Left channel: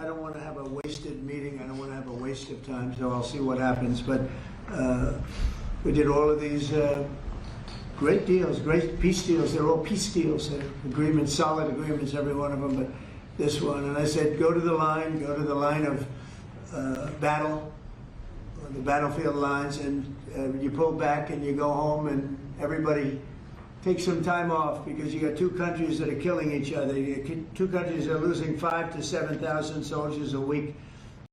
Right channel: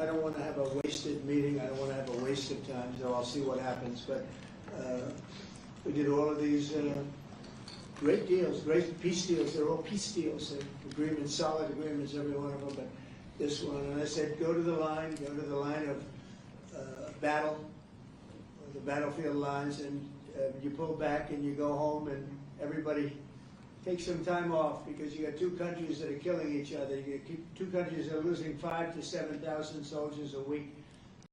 I don't want to have a wasted meeting. I don't want to have a waste of time, so I'll see what happens. But we did all of these great deals, great peace deals. They're all peace deals. They're agreements, solid agreements, every one of them. But this one, and I said, go to the line of battle, the battlefield lines, and you pull back and you go home, and everybody take some time off, because you got two countries that are killing each other. You got two countries that are losing 5,000 to 7,000 soldiers a week.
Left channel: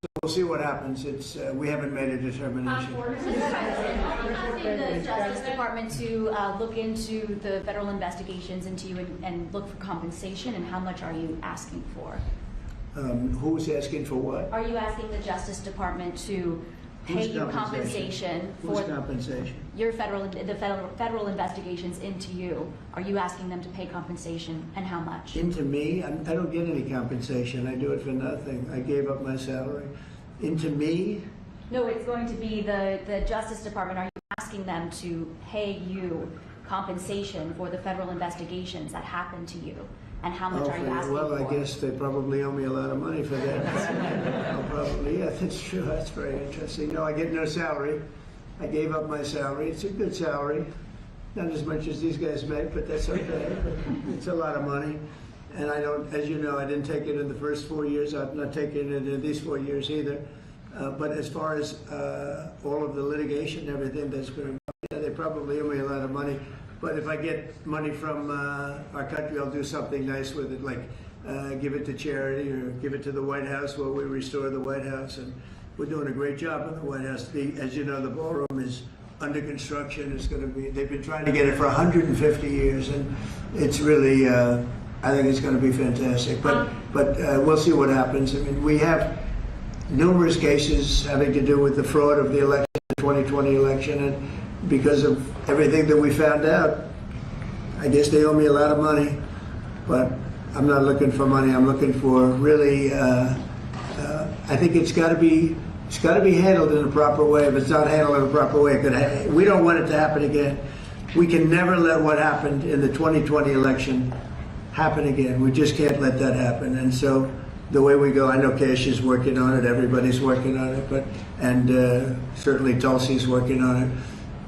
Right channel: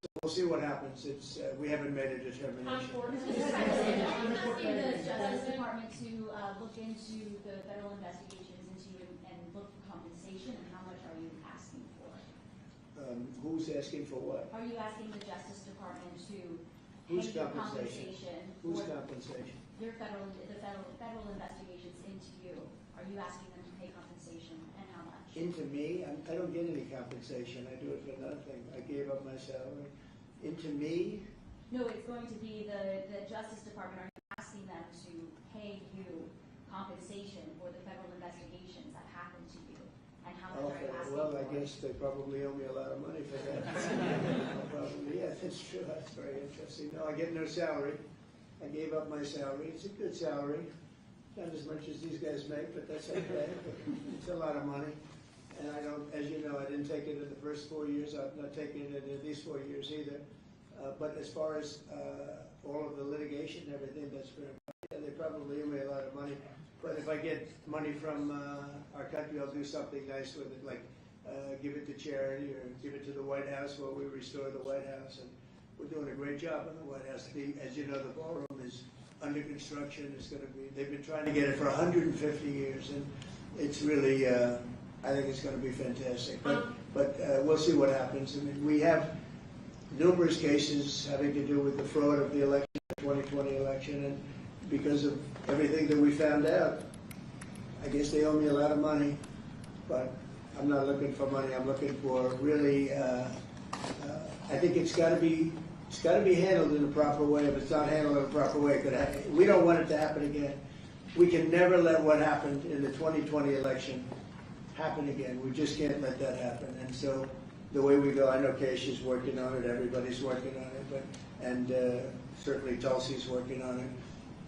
So we'll see what happens. It's we haven't made a determination. Asking the Justice Department to look into the federal investigations into you and look for compensation, and how much are you asking for? Who's asking for what? Are you asking the Justice Department to pay you compensation for Who's compensation? your federal investigations into you? Are you asking them to pay compensation, and how much? Into me? I don't get any compensation. I do it for nothing. I gave up my salary. Into me? No, it's going to be the Justice Department. Are you asking them to pay you compensation for the federal investigations that happened to you? And how much are you asking well, for? I guess they probably owe me a lot of money for that. Probably, yeah, that's true. That's very interesting. No, I get no salary. I gave up my salary. It's a good salary. Not as much as these guys make, but that's okay. It's a lot of money. And I don't, as you know, I didn't take it in the first 4 years. I'm not taking it in these 4 years either. But as far as all of the litigation and everything that's going to, yeah, they probably owe me a lot of money. But if I get money from our country, I'll do something nice with it, like give it to charity or give it to the White House while we restore the White House. And we're doing a great job in the White House. As you know, the ballroom is under construction. It's going to be, they've been trying to get it for 150 years, and it's really, I think it's going to be fantastic. But we'll see what happens. I mean, we have numerous cases having to do with the fraud of the election, the 2020 election, and because of everything that we found out, I guess they owe me a lot of money, but I'm not looking for money. I'm looking for really, I think it's got to be handled in a proper way. If it's not handled in a proper way, we don't want it to happen again. We can never let what happened in the 2020 election happen again. We just can't let that happen. And so the way we go, I know Cash is working on it, everybody's working on it, and certainly Tulsi's working on it.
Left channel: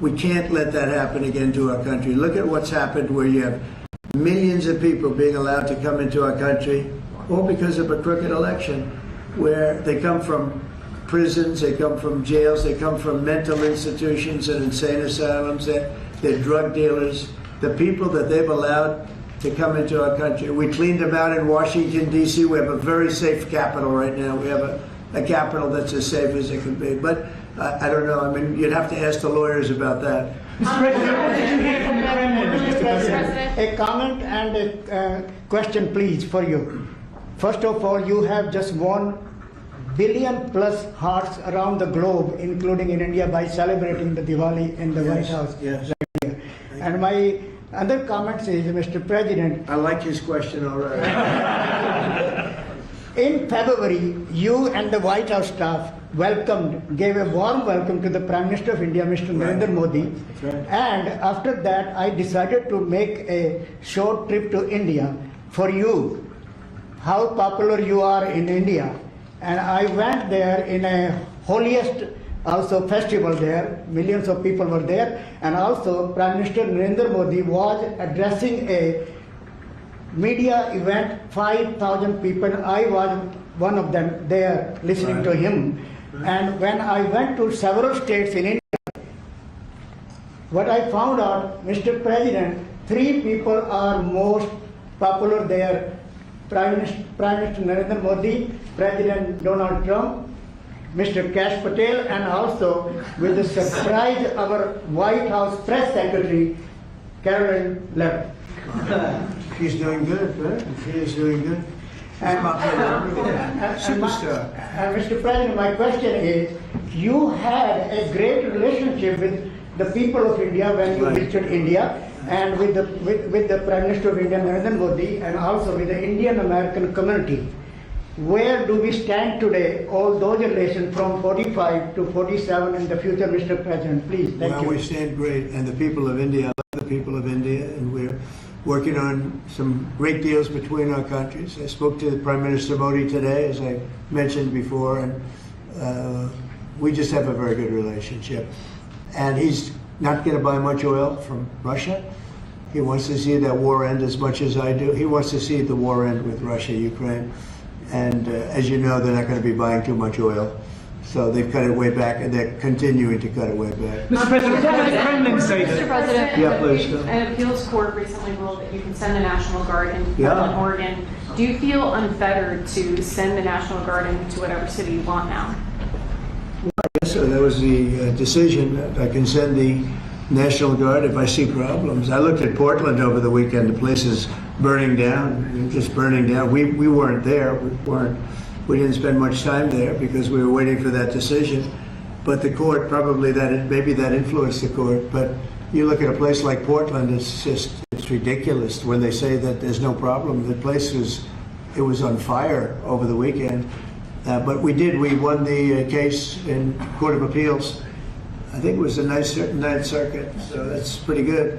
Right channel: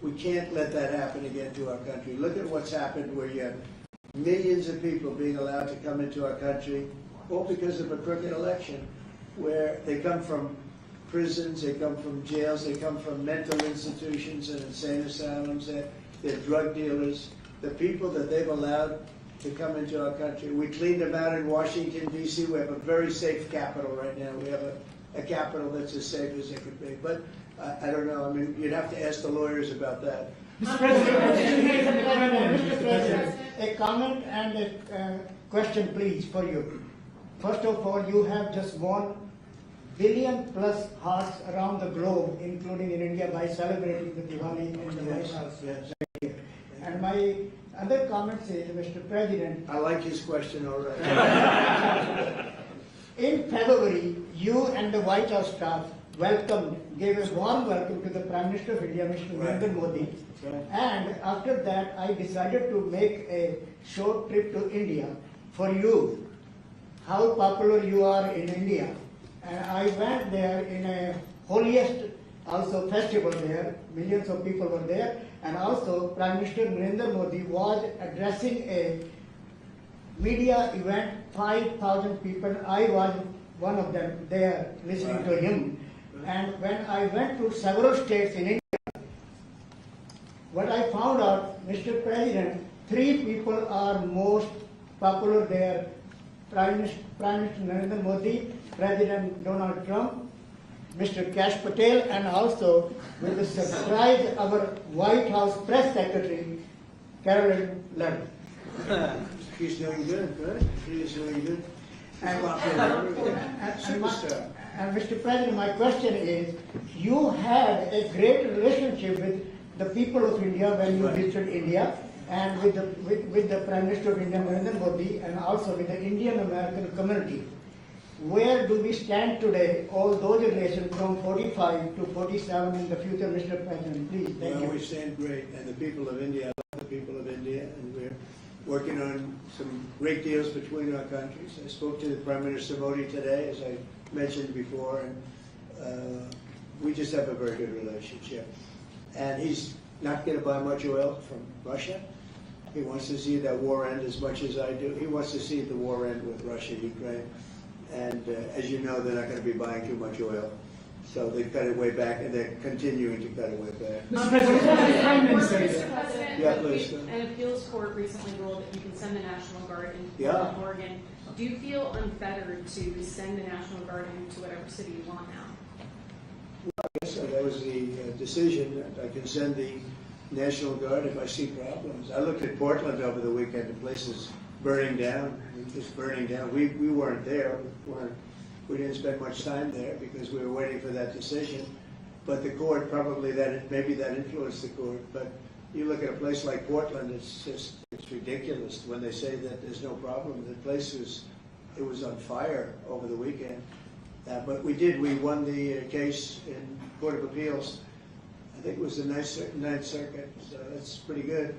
We can't let that happen again to our country. Look at what's happened, where you have millions of people being allowed to come into our country, all because of a crooked election, where they come from prisons, they come from jails, they come from mental institutions and insane asylums, they're drug dealers. The people that they've allowed to come into our country, we cleaned them out in Washington, D.C. We have a very safe capital right now. We have a capital that's as safe as it can be. But I don't know. I mean, you'd have to ask the lawyers about that. Mr. President, what did you hear from Mr. President? A comment and a question, please, for you. First of all, you have just 1 billion plus hearts around the globe, including in India, by celebrating the Diwali in the White House. Yes. Right here. And my other comment is, Mr. President, I like his question already. in February, you and the White House staff gave a warm welcome to the Prime Minister of India, Mr. Narendra Modi. Right. And after that, I decided to make a short trip to India for you, how popular you are in India. And I went there in a holiest also festival there. Millions of people were there. And also Prime Minister Narendra Modi was addressing a media event, 5,000 people. I was one of them there listening to him. And when I went to several states in India, what I found out, Mr. President, 3 people are most popular there. Prime Minister Narendra Modi, President Donald Trump, Mr. Kash Patel, and also with the surprise, our White House Press Secretary, Caroline Levitt. She's doing good, right? She is doing good. Superstar. Mr. President, my question is, you had a great relationship with the people of India when you visited India, and with the Prime Minister of India, Narendra Modi, and also with the Indian American community. Where do we stand today, all those relations from 45 to 47 in the future, Mr. President? Please, thank you. We stand great, and the people of India, I love the people of India, and working on some great deals between our countries. I spoke to Prime Minister Modi today, as I mentioned before, and we just have a very good relationship. And he's not going to buy much oil from Russia. He wants to see that war end as much as I do. He wants to see the war end with Russia, Ukraine. And as you know, they're not going to be buying too much oil. So they've cut it way back, and they're continuing to cut it way back. Mr. President, what did the Kremlin say Mr. that? President, Yeah, please, go. an appeals court recently ruled that you can send the National Guard into Yeah. Portland, Oregon. Do you feel unfettered to send the National Guard into whatever city you want now? So that was the decision that I can send the National Guard if I see problems. I looked at Portland over the weekend. The place is burning down, just burning down. We weren't there. We didn't spend much time there because we were waiting for that decision. But the court, probably maybe that influenced the court. But you look at a place like Portland, it's ridiculous when they say that there's no problem. The place was on fire over the weekend. But we won the case in Court of Appeals. I think it was the Ninth Circuit, so that's pretty good.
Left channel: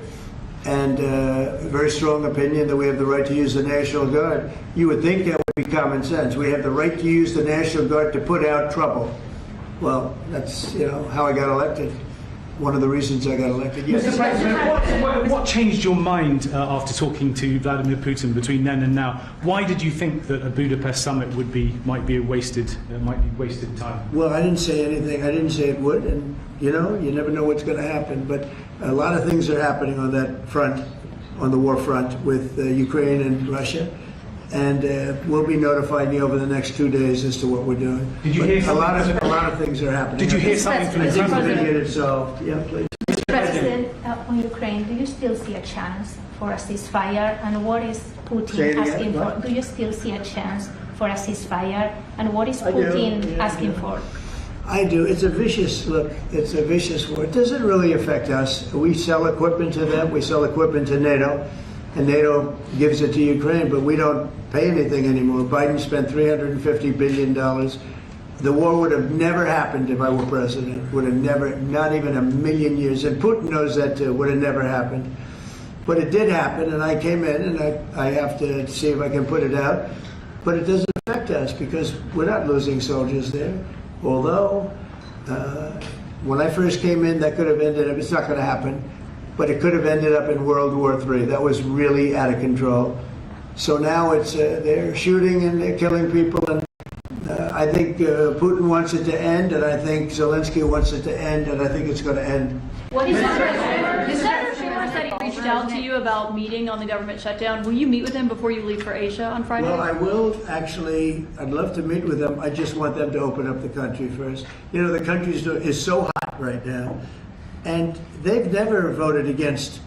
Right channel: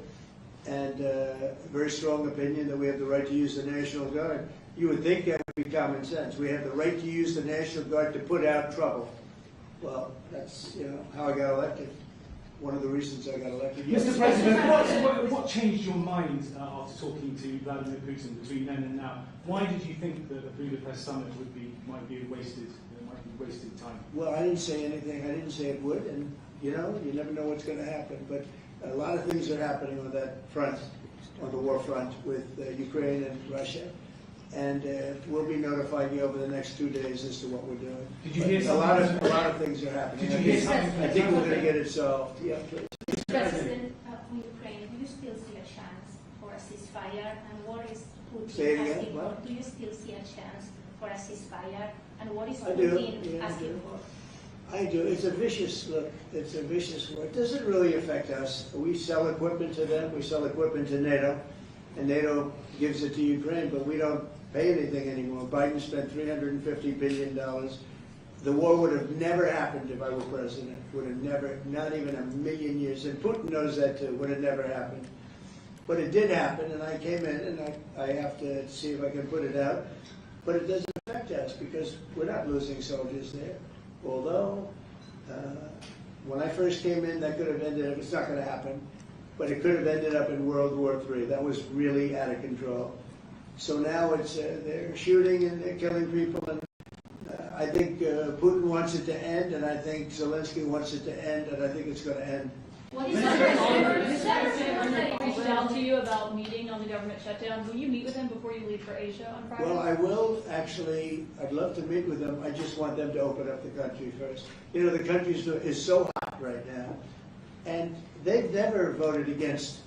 And a very strong opinion that we have the right to use the National Guard. You would think that would be common sense. We have the right to use the National Guard to put out trouble. Well, that's how I got elected. One of the reasons I got elected. Yes. Mr. President, what changed your mind after talking to Vladimir Putin between then and now? Why did you think that a Budapest summit might be wasted time? Well, I didn't say anything. I didn't say it would, and you never know what's going to happen. But a lot of things are happening on that front, on the war front with Ukraine and Russia, and we'll be notifying you over the next 2 days as to what we're doing. Did you hear a lot of things are happening. Did you hear something from I the think we're going to President? get it solved. Yeah, please. Mr. President, on Ukraine, do you still see a chance for a ceasefire? And what is Say it Putin again, asking for? what? Do you still see a chance for a ceasefire? And what is I do, Putin yeah, asking yeah. for? I do. It's a vicious war. It doesn't really affect us. We sell equipment to them. We sell equipment to NATO, and NATO gives it to Ukraine, but we don't pay anything anymore. Biden spent $350 billion. The war would have never happened if I were president. Would have never, not even a million years. And Putin knows that too. Would have never happened. But it did happen, and I came in, and I have to see if I can put it out. But it doesn't affect us because we're not losing soldiers there. Although, when I first came in, that could have ended up, it's not going to happen, but it could have ended up in World War III. That was really out of control. So now it's they're shooting and they're killing people, and I think Putin wants it to end, and I think Zelensky wants it to end, and I think it's going to end. Is that rumor that he reached out to you about meeting on the government shutdown? Will you meet with him before you leave for Asia on Friday? Well, I will actually. I'd love to meet with them. I just want them to open up the country first. The country is so hot right now, and they've never voted against,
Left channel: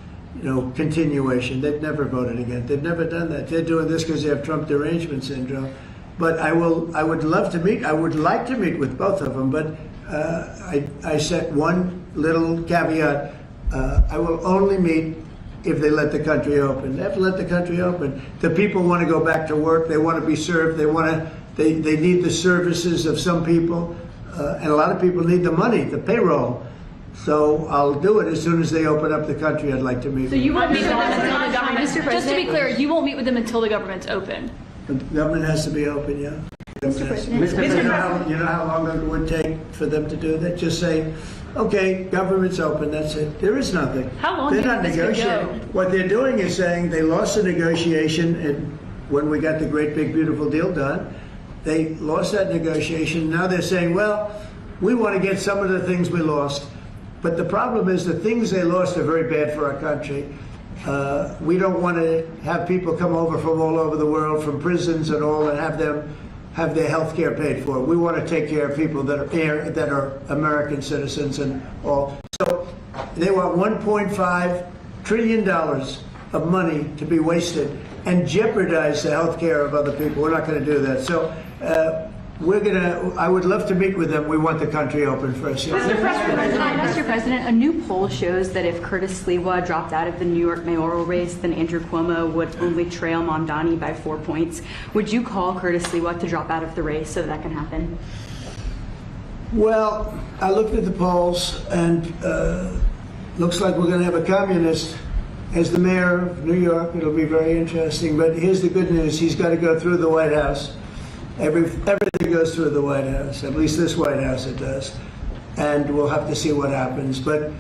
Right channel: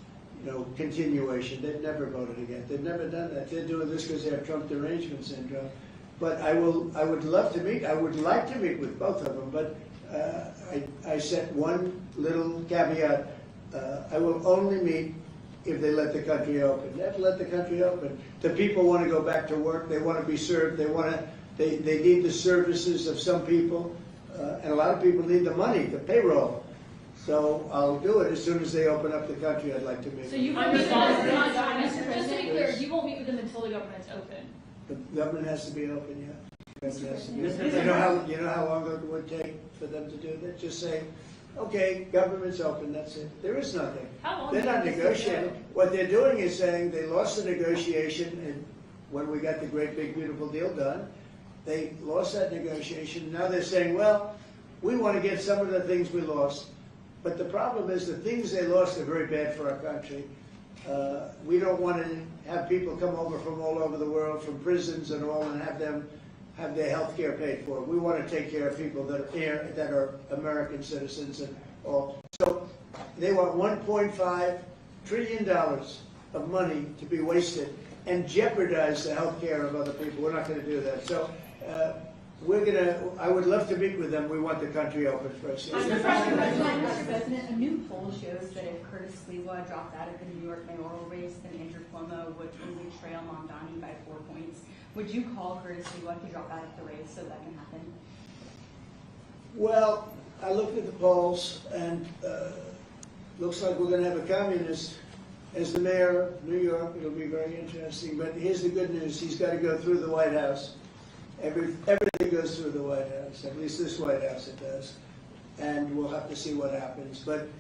continuation. They've never voted against. They've never done that. They're doing this because they have Trump derangement syndrome. But I would love to meet. I would like to meet with both of them. But I set one little caveat. I will only meet if they let the country open. They have to let the country open. The people want to go back to work. They want to be served. They need the services of some people, and a lot of people need the money, the payroll. So I'll do it as soon as they open up the country. I'd like to meet. So you won't meet with them until the government. Just to be clear, you won't meet with them until the government's open. The government has to be open, yeah. Mr. President. You know how long it would take for them to do that? Just say, okay, government's open, that's it. There is nothing. How long They're do you not think this could negotiating. go? What they're doing is saying they lost the negotiation, and when we got the great big beautiful deal done, they lost that negotiation. Now they're saying, well, we want to get some of the things we lost. But the problem is the things they lost are very bad for our country. We don't want to have people come over from all over the world, from prisons and all, and have them have their health care paid for. We want to take care of people that are here, that are American citizens and all. So they want $1.5 trillion of money to be wasted and jeopardize the health care of other people. We're not going to do that. So I would love to meet with them. We want the country open first. Mr. President, a new poll shows that if Curtis Sliwa dropped out of the New York mayoral race, then Andrew Cuomo would only trail Mondani by 4 points. Would you call Curtis Sliwa to drop out of the race so that can happen? Well, I looked at the polls, and looks like we're going to have a communist as the mayor of New York, it'll be very interesting. But here's the good news: he's got to go through the White House. Everything goes through the White House. At least this White House it does. And we'll have to see what happens. But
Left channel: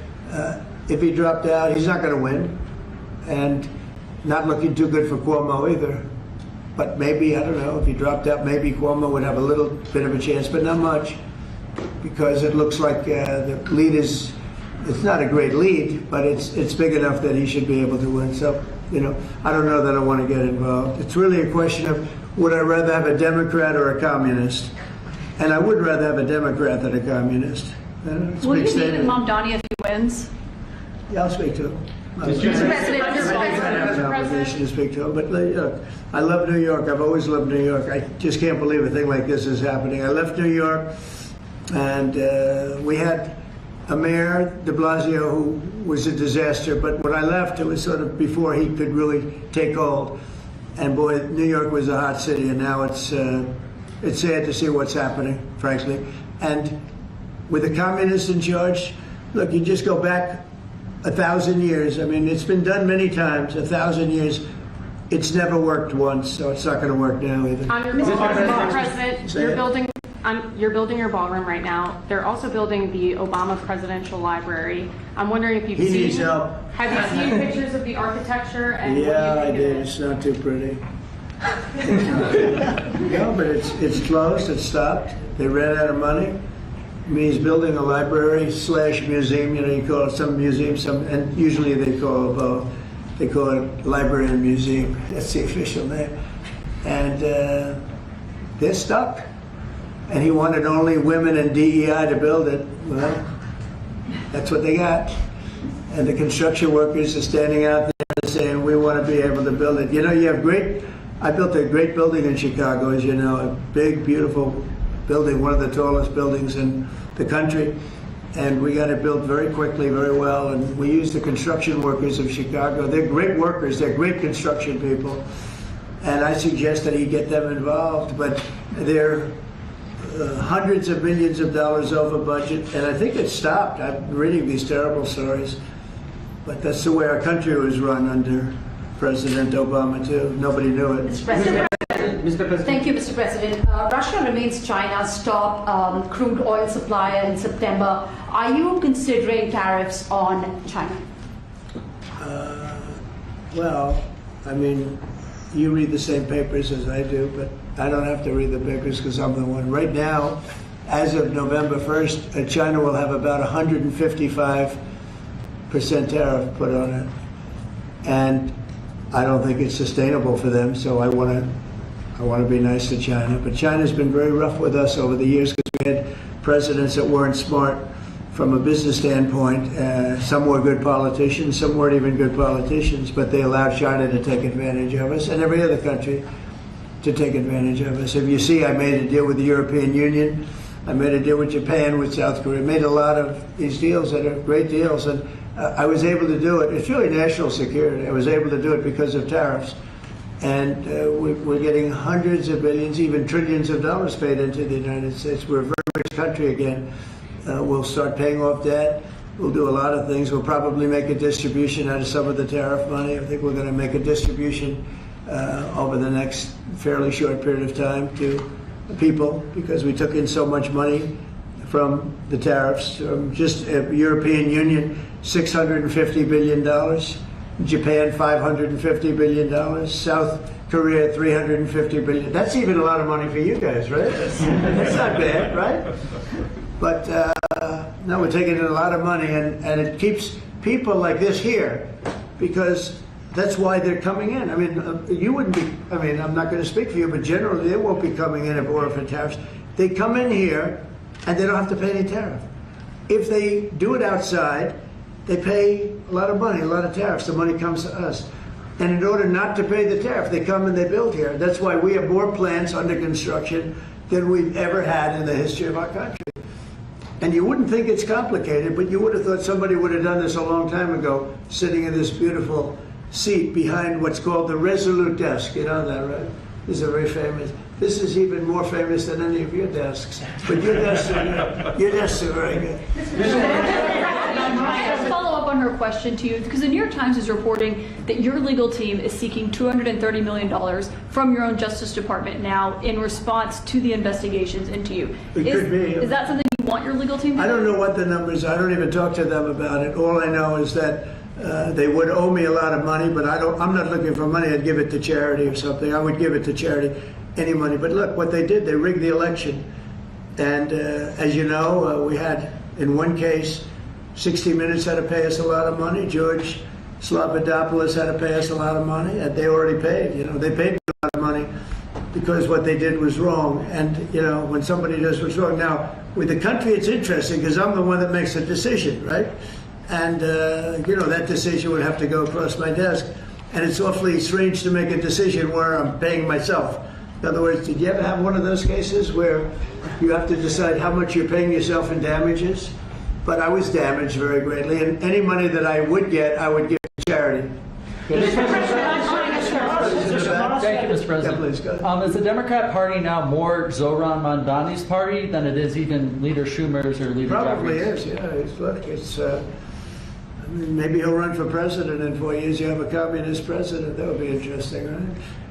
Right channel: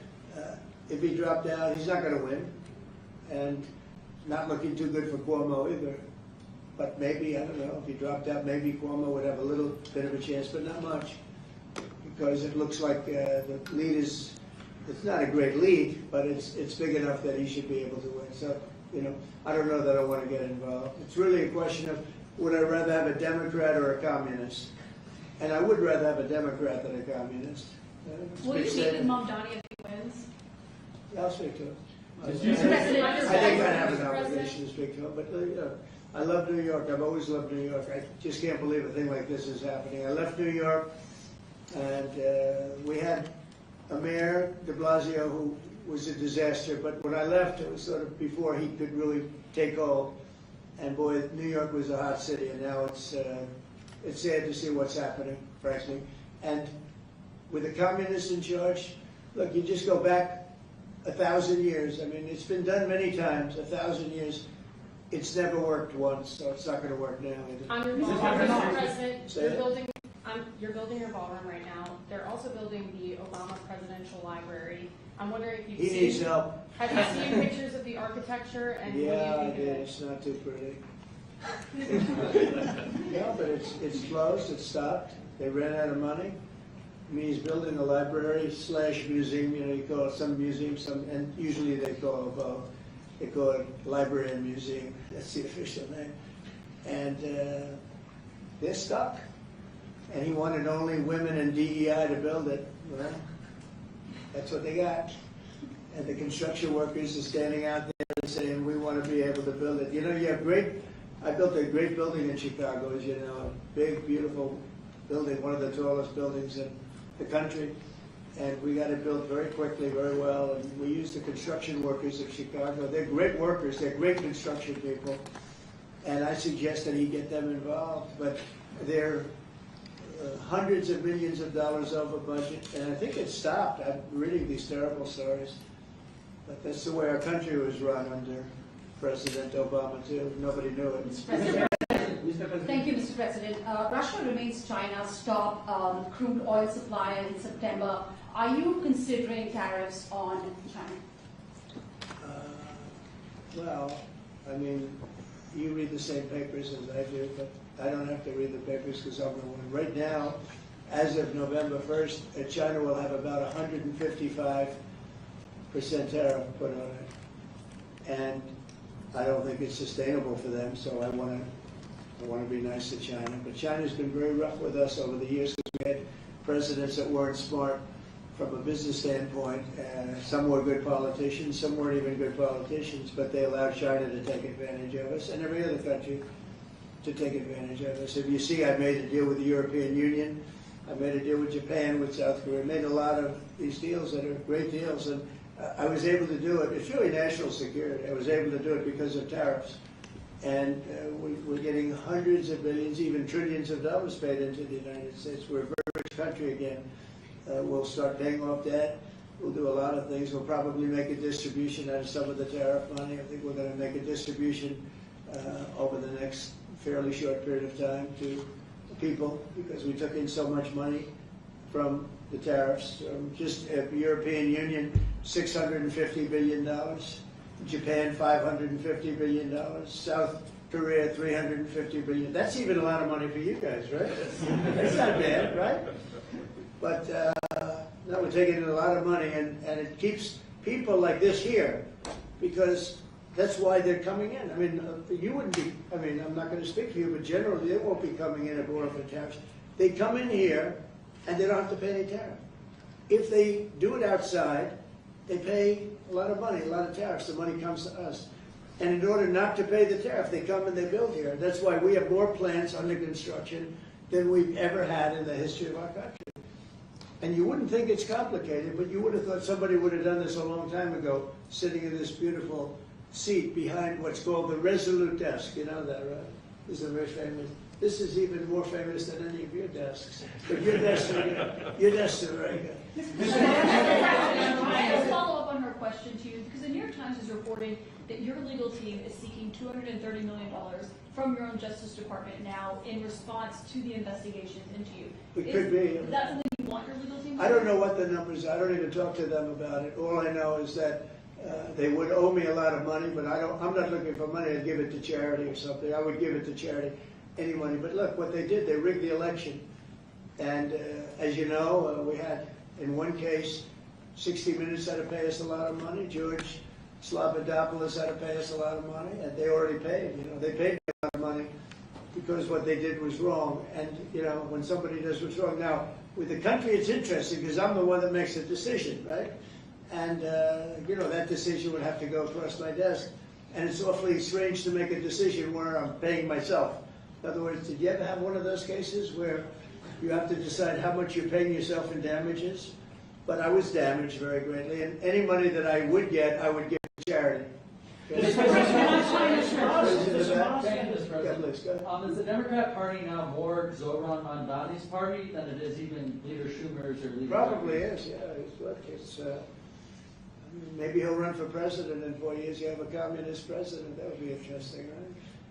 if he dropped out, he's not going to win, and not looking too good for Cuomo either. But maybe, I don't know, if he dropped out, maybe Cuomo would have a little bit of a chance, but not much, because it looks like the lead is, it's not a great lead, but it's big enough that he should be able to win. So, you know, I don't know that I want to get involved. It's really a question of, would I rather have a Democrat or a communist? And I would rather have a Democrat than a communist. Will you meet with Mamdani if he wins? Yeah, I'll speak to him. Mr. I have an obligation to speak to him, but look, I love New York. I've always loved New York. I just can't believe a thing like this is happening. I left New York, and we had a mayor, de Blasio, who was a disaster, but when I left, it was sort of before he could really take hold. And boy, New York was a hot city, and now it's sad to see what's happening, frankly. And with the communists in charge, look, you just go back 1,000 years. I mean, it's been done many times, 1,000 years. It's never worked once, so it's not going to work now either. Mr. President, you're building your ballroom right now. They're also building the Obama Presidential Library. I'm wondering if you've He needs help. Have you seen pictures of the architecture and Yeah, what I do you think did. of it? It's not too pretty. No, but it's closed. It's stopped. They ran out of money. I mean, he's building a library / museum. You know, you call it some museum, and usually they call it both. They call it library and museum. That's the official name. And they're stuck. And he wanted only women and DEI to build it. Well, that's what they got. And the construction workers are standing out there saying, we want to be able to build it. You know, you have I built a great building in Chicago, as you know, a big, beautiful building, one of the tallest buildings in the country. And we got it built very quickly, very well. And we used the construction workers of Chicago. They're great workers. They're great construction people. And I suggested he get them involved, but they're hundreds of millions of dollars over budget, and I think it stopped. I'm reading these terrible stories, but that's the way our country was run under President Obama too. Nobody knew it. Mr. President. Thank you, Mr. President. Russia remains China's top crude oil supplier in September. Are you considering tariffs on China? Well, I mean, you read the same papers as I do, but I don't have to read the papers because I'm the one. Right now, as of November 1st, China will have about 155% tariff put on it. And I don't think it's sustainable for them, so I want to be nice to China. But China's been very rough with us over the years because we had presidents that weren't smart from a business standpoint. Some were good politicians, some weren't even good politicians, but they allowed China to take advantage of us, and every other country to take advantage of us. If you see, I made a deal with the European Union, I made a deal with Japan, with South Korea, made a lot of these deals that are great deals, and I was able to do it. It's really national security. I was able to do it because of tariffs. And we're getting hundreds of billions, even trillions of dollars paid into the United States. We're a very rich country again. We'll start paying off debt. We'll do a lot of things. We'll probably make a distribution out of some of the tariff money. I think we're going to make a distribution over the next fairly short period of time to people because we took in so much money from the tariffs. Just European Union, $650 billion. Japan, $550 billion. South Korea, $350 billion. That's even a lot of money for you guys, right? That's not bad, right? But no, we're taking in a lot of money, and it keeps people like this here because that's why they're coming in. I mean, you wouldn't be, I mean, I'm not going to speak for you, but generally they won't be coming in if it were for tariffs. They come in here and they don't have to pay any tariff. If they do it outside, they pay a lot of money, a lot of tariffs. The money comes to us. And in order not to pay the tariff, they come and they build here. That's why we have more plants under construction than we've ever had in the history of our country. And you wouldn't think it's complicated, but you would have thought somebody would have done this a long time ago, sitting in this beautiful seat behind what's called the Resolute desk. You know that, right? This is a very famous. This is even more famous than any of your desks. But your desks are very good. Follow up on on her question to you, because the New York Times is reporting that your legal team is seeking $230 million from your own Justice Department now in response to the investigations into you. It could be. Is that something you want your legal team to do? I don't know what the numbers are. I don't even talk to them about it. All I know is that they would owe me a lot of money, but I'm not looking for money. I'd give it to charity or something. I would give it to charity, any money. But look, what they did, they rigged the election. And as you know, we had, in one case, 60 Minutes had to pay us a lot of money. George Slobodanopoulos had to pay us a lot of money, and they already paid. You know, they paid me a lot of money because what they did was wrong. And, you know, when somebody does what's wrong. Now, with the country, it's interesting because I'm the one that makes the decision, right? And, you know, that decision would have to go across my desk. And it's awfully strange to make a decision where I'm paying myself. In other words, did you ever have one of those cases where you have to decide how much you're paying yourself in damages? But I was damaged very greatly, and any money that I would get, I would give to charity. Thank you, Mr. President. Yeah, please, go ahead. Is the Democrat Party now more Zoran Mondani's party than it is even Leader Schumer's or Leader Probably Jeffries? is, yeah. Look, I mean, maybe he'll run for president in 4 years. You have a communist president. That would be interesting, right?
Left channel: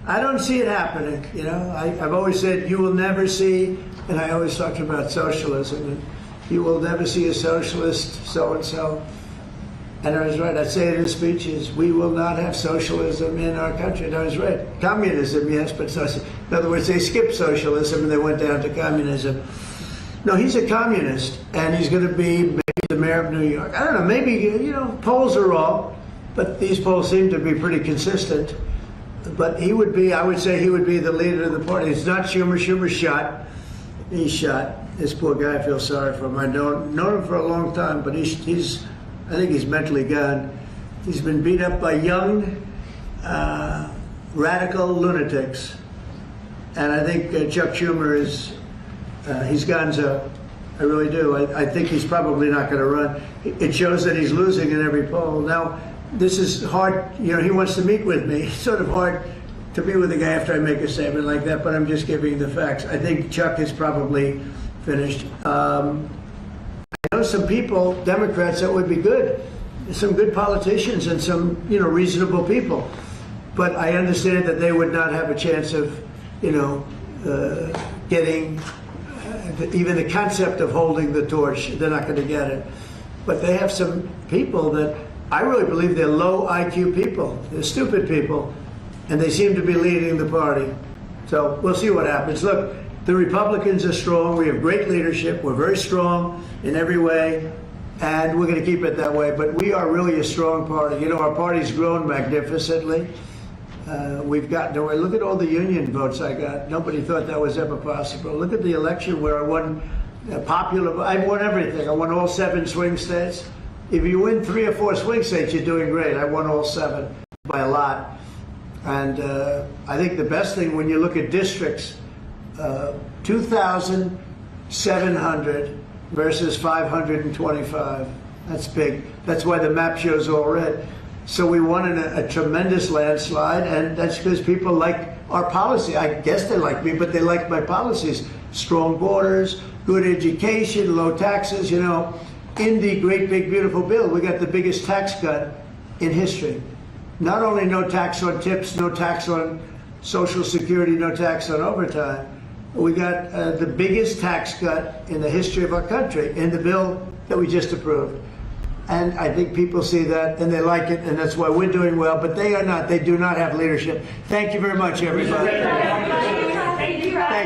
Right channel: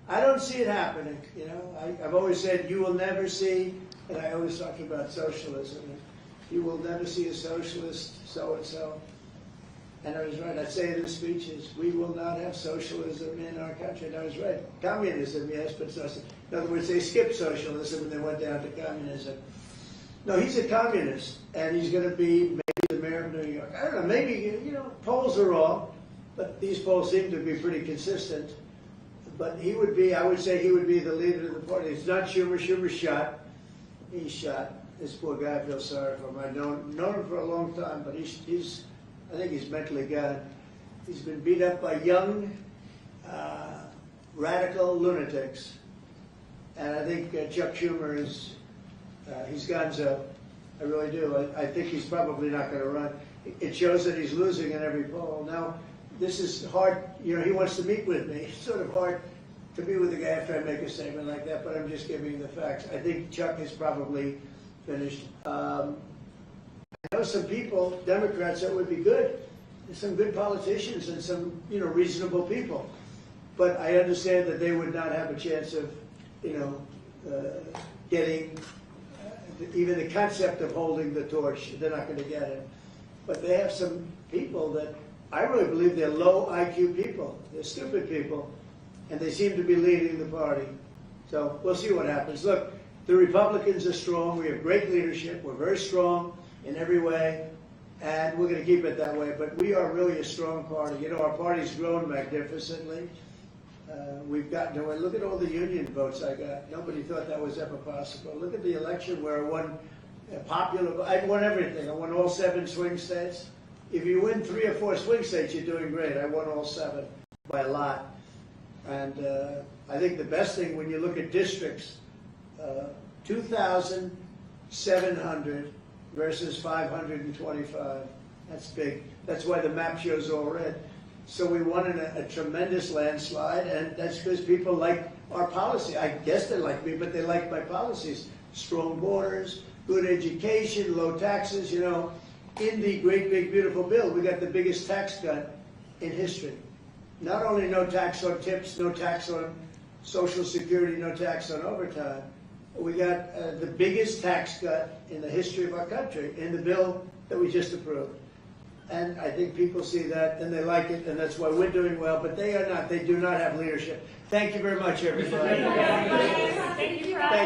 I don't see it happening. You know, I've always said you will never see, and I always talk about socialism. And you will never see a socialist so-and-so. And I was right. I say it in speeches. We will not have socialism in our country. And I was right. Communism, yes, but socialism. In other words, they skipped socialism and they went down to communism. No, he's a communist, and he's going to be maybe the mayor of New York. I don't know. Maybe, you know, polls are wrong, but these polls seem to be pretty consistent. But he would be, I would say he would be the leader of the party. It's not Schumer. Schumer's shot. He's shot. This poor guy, I feel sorry for him. I've known him for a long time, but he's I think he's mentally gone. He's been beat up by young, radical lunatics. And I think Chuck Schumer is, he's gonzo. I really do. I think he's probably not going to run. It shows that he's losing in every poll. Now, this is hard. You know, he wants to meet with me. It's sort of hard to meet with a guy after I make a statement like that, but I'm just giving the facts. I think Chuck is probably finished. I know some people, Democrats, that would be good. Some good politicians and some, you know, reasonable people. But I understand that they would not have a chance of, you know, getting even the concept of holding the torch. They're not going to get it. But they have some people that I really believe they're low IQ people. They're stupid people. And they seem to be leading the party. So we'll see what happens. Look, the Republicans are strong. We have great leadership. We're very strong in every way. And we're going to keep it that way. But we are really a strong party. You know, our party's grown magnificently. We've gotten away. Look at all the union votes I got. Nobody thought that was ever possible. Look at the election where I won popular. I won everything. I won all 7 swing states. If you win 3 or 4 swing states, you're doing great. I won all 7 by a lot. And I think the best thing when you look at districts, 2,700 versus 525. That's big. That's why the map shows all red. So we won in a tremendous landslide, and that's because people like our policy. I guess they like me, but they like my policies. Strong borders, good education, low taxes. You know, in the great big beautiful bill, we got the biggest tax cut in history. Not only no tax on tips, no tax on Social Security, no tax on overtime, we got the biggest tax cut in the history of our country in the bill that we just approved. And I think people see that and they like it, and that's why we're doing well, but they are not. They do not have leadership. Thank you very much, everybody. Thank you.